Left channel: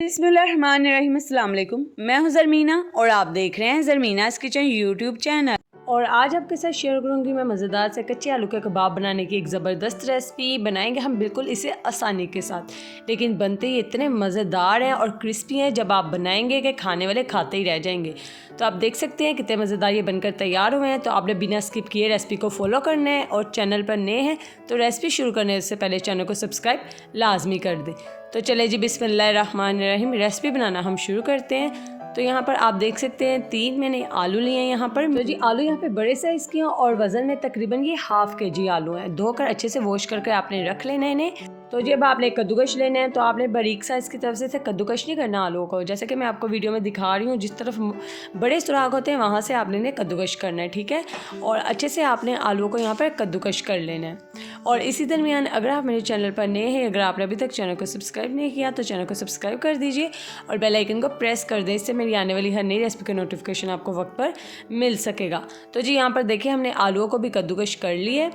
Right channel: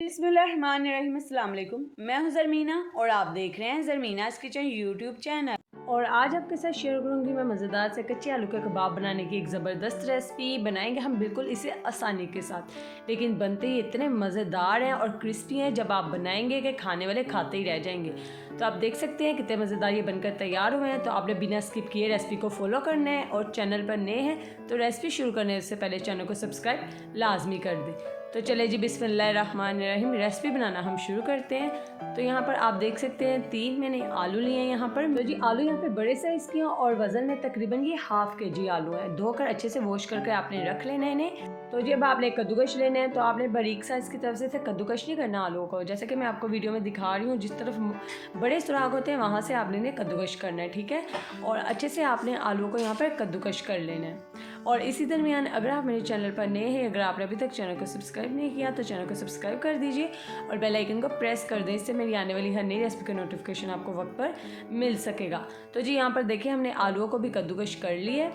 बिस्मिल्लाहिर्रहमानिर्रहीम, अस्सलाम वालेकुम। मैं हूं ज़रमीना और आप देख रहे हैं ज़रमीनास किचन यूट्यूब चैनल। और आज आपके साथ शेयर करूंगी मैं मज़ेदार से कच्चे आलू के कबाब बनाने की एक ज़बरदस्त रेसिपी। बनाएंगे हम बिल्कुल इसे आसानी के साथ, लेकिन बनते ही इतने मज़ेदार हैं और क्रिस्पी हैं जब आप बनाएंगे कि खाने वाले खाते ही रह जाएंगे। तो आप देख सकते हैं कितने मज़ेदार ये बनकर तैयार हुए हैं। तो आपने बिना स्किप किए रेसिपी को फॉलो करना है और चैनल पर नए हैं तो रेसिपी शुरू करने से पहले चैनल को सब्सक्राइब लाजमी कर दें। तो चले जी बिस्मिल्लाहिर्रहमानिर्रहीम, रेसिपी बनाना हम शुरू करते हैं। तो यहाँ पर आप देख सकते हैं 3 मैंने आलू लिए हैं यहाँ पर। तो जी आलू यहाँ पे बड़े साइज़ के हैं और वज़न में तकरीबन ये हाफ़ kg आलू है। धोकर अच्छे से वॉश करके आपने रख लेना है इन्हें। तो जब आपने कद्दूकश लेना है तो आपने बारीक साइज़ की तरफ से कद्दूकश नहीं करना आलू को, जैसे कि मैं आपको वीडियो में दिखा रही हूँ। जिस तरफ बड़े सुराख होते हैं वहाँ से आपने इन्हें कद्दूकश करना है, ठीक है। और अच्छे से आपने आलू को यहाँ पर कद्दूकश कर लेना है। और इसी दरमियान अगर आप मेरे चैनल पर नए हैं, अगर आपने अभी तक चैनल को सब्सक्राइब नहीं किया तो चैनल को सब्सक्राइब कर दीजिए और बेल आइकन को प्रेस कर दें। इससे मेरी आने वाली हर नई रेसिपी का नोटिफिकेशन आपको वक्त पर मिल सकेगा। तो जी यहाँ पर देखिए हमने आलूओं को भी कद्दूकश कर लिए।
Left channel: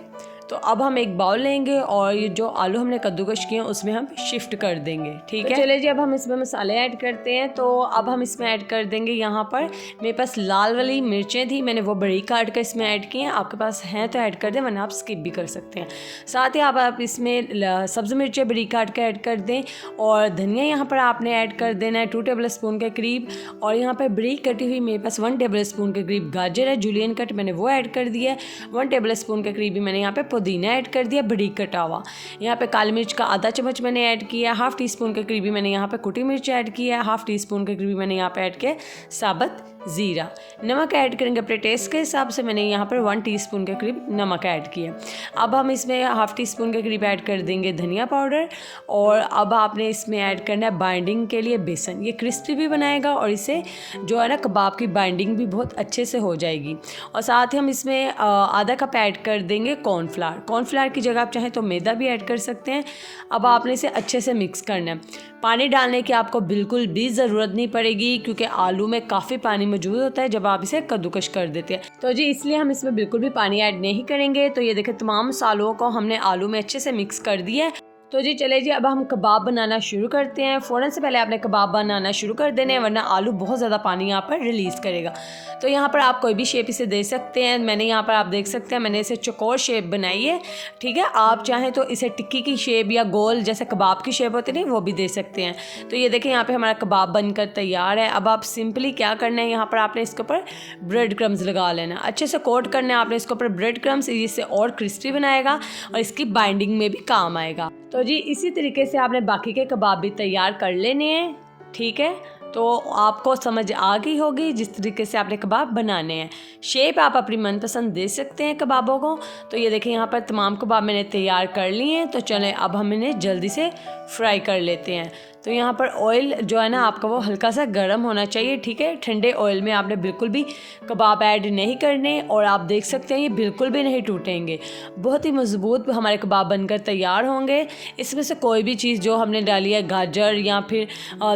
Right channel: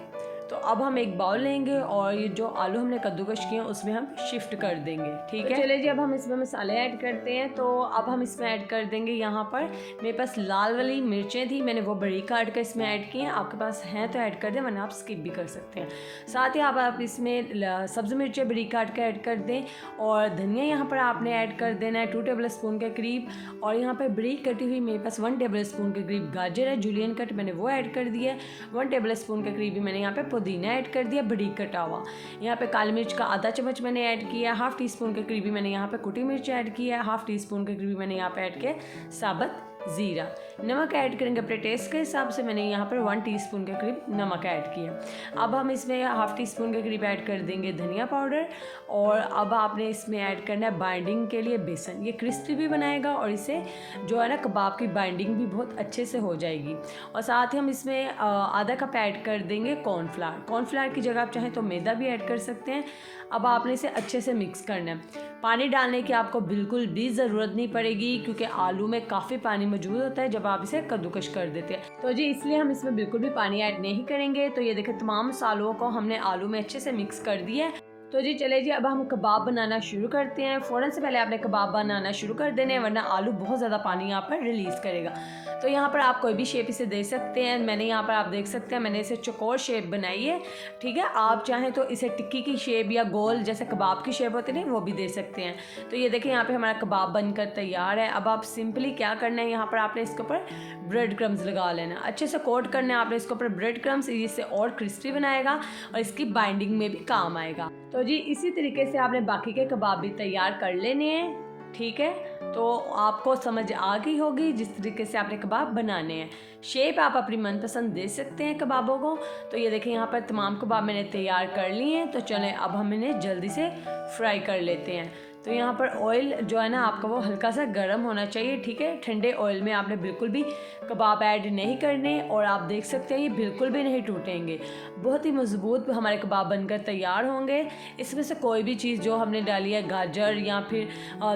तो अब हम एक बाउल लेंगे और ये जो आलू हमने कद्दूकश किए हैं उसमें हम शिफ्ट कर देंगे, ठीक है। चलिए जी अब हम इसमें मसाले ऐड करते हैं। तो अब हम इसमें ऐड कर देंगे, यहाँ पर मेरे पास लाल वाली मिर्चें थी, मैंने वो बड़ी काट कर इसमें ऐड की हैं। आपके पास हैं तो ऐड कर दें, वरना आप स्किप भी कर सकते हैं। साथ ही आप इसमें सब्ज़ मिर्चें बड़ी काट कर ऐड कर दें और धनिया यहाँ पर आपने ऐड कर देना है 2 टेबल स्पून के करीब। और यहाँ पर बड़ी कटी हुई मेरे पास 1 टेबल स्पून के करीब गाजर है, जूलियन कट, मैंने वो ऐड कर दिया है। 1 टेबल स्पून के करीब भी मैंने यहाँ पे पुदीना ऐड कर दिया बड़ी कटा हुआ। यहाँ पे काली मिर्च का आधा चम्मच मैंने ऐड किया, हाफ़ टी स्पून के करीबी मैंने यहाँ पे कुटी मिर्च ऐड किया, हाफ़ टी स्पून के करीबी मैंने यहाँ पे ऐड किया साबुत ज़ीरा। नमक ऐड करेंगे अपने टेस्ट के हिसाब से, मैंने यहाँ पर 1 टीस्पून के करीब नमक ऐड किया। अब हम इसमें हाफ़ टी स्पून के करीब ऐड कर देंगे धनिया पाउडर। और अब आपने इसमें ऐड करना है बाइंडिंग के लिए बेसन। ये क्रिस्पी भी बनाएगा और इससे जो है ना कबाब की बाइंडिंग भी बहुत अच्छे से हो जाएगी। और साथ ही हम इसमें आधा कप ऐड कर देंगे कॉर्नफ्लावर। कॉर्नफ्लावर की जगह आप चाहें तो मैदा भी ऐड कर सकते हैं। अब आपने इसे अच्छे से मिक्स करना है। पानी डालने की आपको बिल्कुल भी ज़रूरत नहीं पड़ेगी क्योंकि आलू में काफ़ी पानी मौजूद होता है जब आप इसे कद्दूकश कर देते हैं। तो जी इसलिए हम इसमें बिल्कुल भी पानी ऐड नहीं करेंगे। तो ये देखें तमाम मसालों को हमने आलू में अच्छे से मिक्स कर दिया है। तो जी चले जी अब हम कबाब बनाना शुरू करते हैं। फ़ौरन से पहले आपने कबाब बनाना शुरू कर देने हैं, वरना आलू बहुत ज़्यादा पानी यहाँ पर रिलीज़ करेगा। तो यहाँ पर आप कोई भी शेप इसे दे सकते हैं। मैंने यहाँ पर आप देख सकते हैं मैंने इसे चौकोर शेप बनाई है, ठीक है। आप चाहें तो इसे टिक्की की शेप या गोल जैसे कबाब की शेप होती है वो भी दे सकते हैं। तो ये देखें यहाँ पर हमारा कबाब बनकर तैयार है। अब आप सिंपली क्या करना है, यहाँ पर आपने इसके ऊपर ब्रेड क्रम्स लगा लेना, अच्छे से कोट करना है आपने इसके ऊपर ब्रेड क्रम्स। इससे और क्रिस्पी बनाएगा और इसकी बाइंडिंग में भी काम आएगा। तो जी इसी तरीके से आपने बाकी के कबाब भी तैयार कर लेने हैं, ठीक है। तो आपको समझ आ गई होगी जिस तरीके से आपने कबाब बनाने हैं। शेप आप अपनी मनपसंद दे सकते हैं कबाबों को। तो ये देखें यहाँ पर तमाम कबाब मैंने तैयार कर लिए हैं। तो चलें अब हम इन्हें जल्दी से फ्राई कर लेते हैं। तो यहाँ पर ऑयल जो है ना आपका वो हल्का सा गर्म होना चाहिए, ठीक है। ठंडे ऑयल में आपने बिल्कुल भी कबाब ऐड नहीं करने। और आप देख सकते हैं ये बिल्कुल भी नहीं टूटेंगे, बहुत ही मज़बूत हमारे कबाब बनकर तैयार होंगे। इसमें से कोई भी चीज़ जो हमने डाली है, गाजर या फिर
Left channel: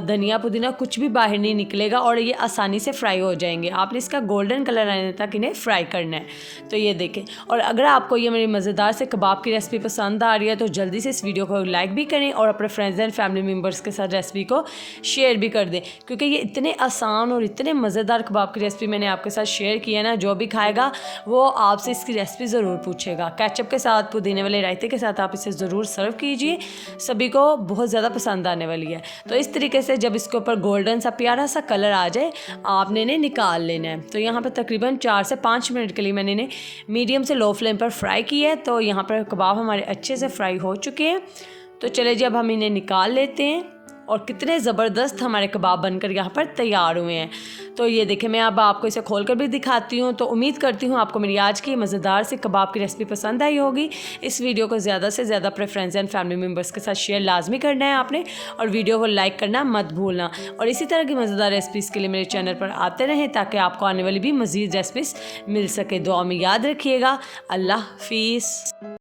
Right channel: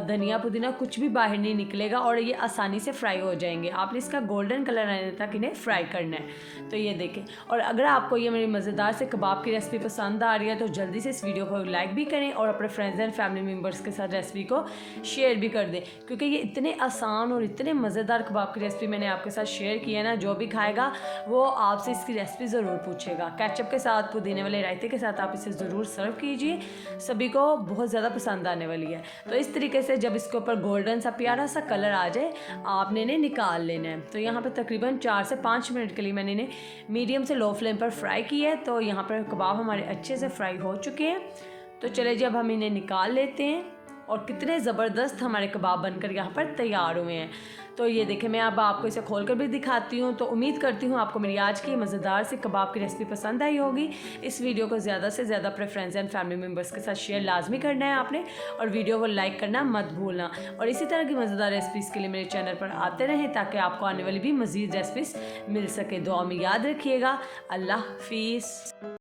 धनिया पुदीना, कुछ भी बाहर नहीं निकलेगा और ये आसानी से फ्राई हो जाएंगे। आपने इसका गोल्डन कलर आने तक इन्हें फ्राई करना है। तो ये देखें। और अगर आपको ये मेरी मज़ेदार से कबाब की रेसिपी पसंद आ रही है तो जल्दी से इस वीडियो को लाइक भी करें और अपने फ्रेंड्स एंड फैमिली मेम्बर्स के साथ रेसिपी को शेयर भी कर दें, क्योंकि ये इतने आसान और इतने मज़ेदार कबाब की रेसिपी मैंने आपके साथ शेयर की है ना, जो भी खाएगा वो आपसे इसकी रेसिपी ज़रूर पूछेगा। केचप के साथ, पुदीने वाले रायते के साथ आप इसे ज़रूर सर्व कीजिए, सभी को बहुत ज़्यादा पसंद आने वाली है। तो इस तरीके से जब इसके ऊपर गोल्डन सा प्यारा सा कलर आ जाए आपने इन्हें निकाल लेना है। तो यहाँ पर तकरीबन 4 से 5 मिनट के लिए मैंने इन्हें मीडियम से लो फ्लेम पर फ्राई किया है। तो यहाँ पर कबाब हमारे अच्छे से फ्राई हो चुके हैं। तो चले जी अब हम इन्हें निकाल लेते हैं। और कितने ज़बरदस्त हमारे कबाब बनकर यहाँ पर तैयार हुए हैं। तो ये देखें, मैं अब आपको इसे खोलकर भी दिखाती हूँ। तो उम्मीद करती हूँ आपको मेरी आज की मज़ेदार सी कबाब की रेसिपी पसंद आई होगी। इस वीडियो को ज़्यादा से ज़्यादा अपने फ्रेंड्स एंड फैमिली मेम्बर्स के साथ शेयर लाजमी करना है आपने, और वीडियो को लाइक करना मत भूलना। और इसी तरह की मज़ेदार रेसिपीज़ के लिए मेरे चैनल पर आते रहें ताकि आपको आने वाली भी मज़ीद रेसिपीज़ मिल सके। दुआ में याद रखिएगा। अल्लाह हाफिज़।